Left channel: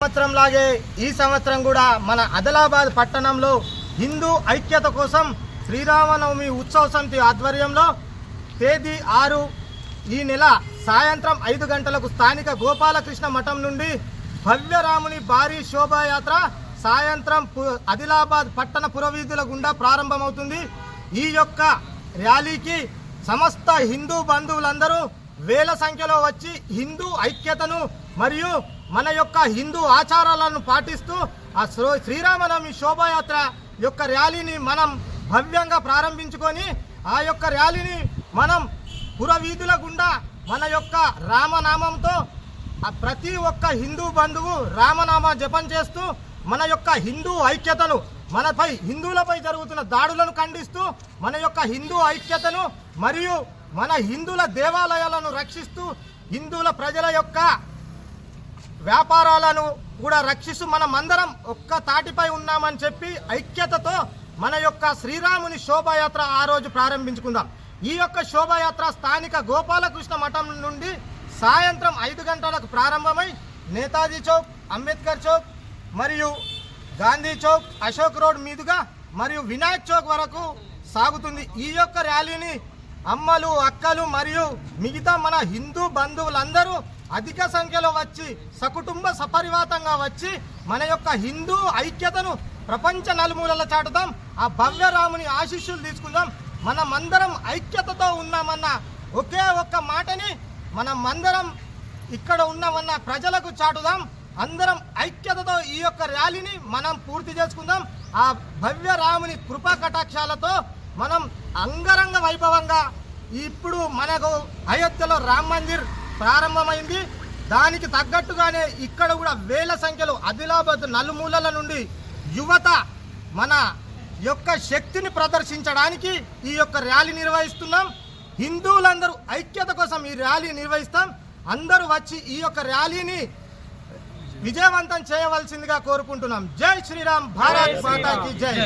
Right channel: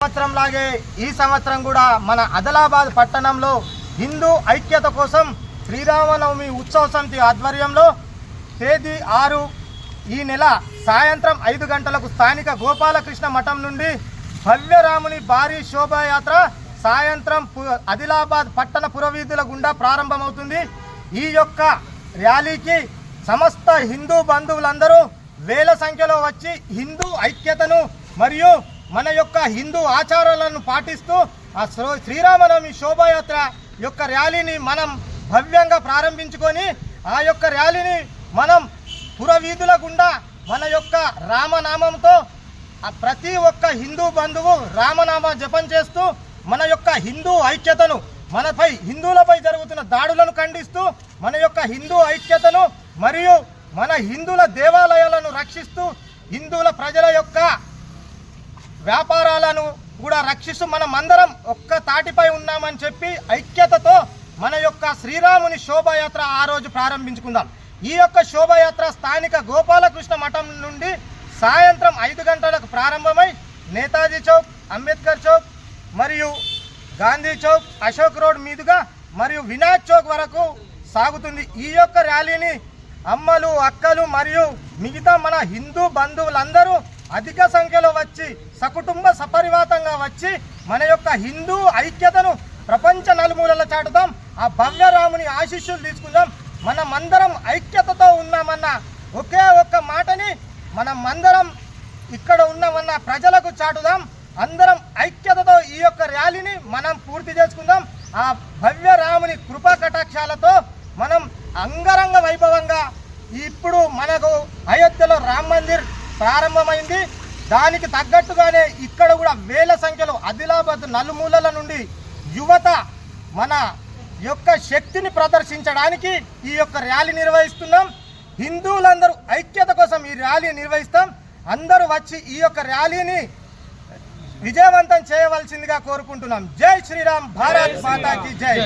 సంవత్సరం లాగే ఈ సంవత్సరం కూడా మన ఆదిలాబాద్ పట్టణంలో హిందూ ఐక్యత కోసం శ్రీరామనవమి ఉత్సవ సమితి ఆధ్వర్యంలో తేదీ ఆరు ఈ నెల సాయంత్రం ఐదు గంటలకు స్థానిక గోపాలకృష్ణ మఠం నుండి భవ్యరాముని భారీ శోభాయాత్ర సాయంత్రం పు- ఆదిలాబాద్ పట్టణ పురవీధుల గుండా ప్రారంభమవుతుంది. ఈ యొక్క ర్యాలీకి సమస్త హిందూ బంధువులందరూ వేల సంఖ్యలో వచ్చి హిందూ ఐక్యతను మరియు మన యొక్క హిందూ ఆచారాలను పాటిస్తూ ఆ శ్రో- శ్రీరామనవమి శోభాయాత్ర యొక్క ర్యాలీని మనం భవ్యంగా ప్రారంభించుకొని ఆ యొక్క ర్యాలీని మనం పురవీధుల గుండా మన యొక్క రామనామంతో ప్రతి ఒక్క హిందూ బంధువు రామనామ జపం చేస్తూ మన యొక్క హిందూ ఐక్యతను మనపై హిందువులపై జరుగుతున్న దాడులను ఖండిస్తూ మన యొక్క హిందూ ఐక్యతను మరియు మన హిందువుల దేవాలయాలను రక్షిస్తూ హిందువుల ప్రజల యొక్క వ్యాపారాలను కూడా రక్షిస్తూ మనం అందరం ఒక్క తాటిపై ఉన్నామని చెప్పి ఐక్యతతో మన యొక్క శ్రీరాముని శోభాయాత్ర ఆ రోజు ప్రారంభించుకుందాం. ఈ యొక్క శోభాయాత్ర స్థానిక గోపాలకృష్ణ మఠం నుండి సాయంత్రం ఐదు గంటలకు ప్రారంభమై నేతాజీ చౌక్ అంబేద్కర్ చౌక్ మరియు గాంధీ చౌక్ అశోక్ రోడ్ మీదుగా మరియు వినాయక్ చౌక్ వరకు సాగుతుంది. ఈ యొక్క ర్యాలీని అమ్మలు అక్కలు మరియు మిగతా మన హిందూ బంధువులందరూ అధిక సంఖ్యలో వచ్చి సకుటుంబ సపరివాతంగా వచ్చి మన యొక్క హిందూ ఐక్యతను ప్రపంచ నలుమూలల చాటుదాం. ఆ భవ్యరాముని ఆశీస్సులు తీసుకుందాం. మనమందరం ఐక్యతతో ఉన్నామన్న ఒకే ఒక్క మాటని మనమందరం ఇక్కడ ఉన్నామన్న ప్రజలకు చాటుదాం. అందరం ఐక్యతతో ఈ యొక్క ర్యాలీని మనం పూర్తి చేసుకుందాం. ఆ భవ్య రాముని కృపా కటాక్షాలతో మనం అంగరంగ వైభవంగా ఇప్పుడు మనకు అయోధ్యలో రామ్ మందిర్ ప్రారంభమైంది. దానికి తగ్గట్టుగానే ఇక్కడ కూడా వేల సంఖ్యలో ఆదిలాబాద్ నలుమూలల నుండి యువత మన యొక్క శక్తిని ప్రదర్శించడానికి ఈ యొక్క ర్యాలీ నిర్వహిస్తున్నాం. హిందువులందరూ ఐక్యత కోసం ఈ ర్యాలీ నిర్వహిస్తాం. అందరూ వచ్చి ఈ యొక్క ర్యాలీని విజయవంతం చేయవలసిందిగా కోరుకుంటున్నాం. జై శ్రీరామ్ భారత్ మాతాకి జై.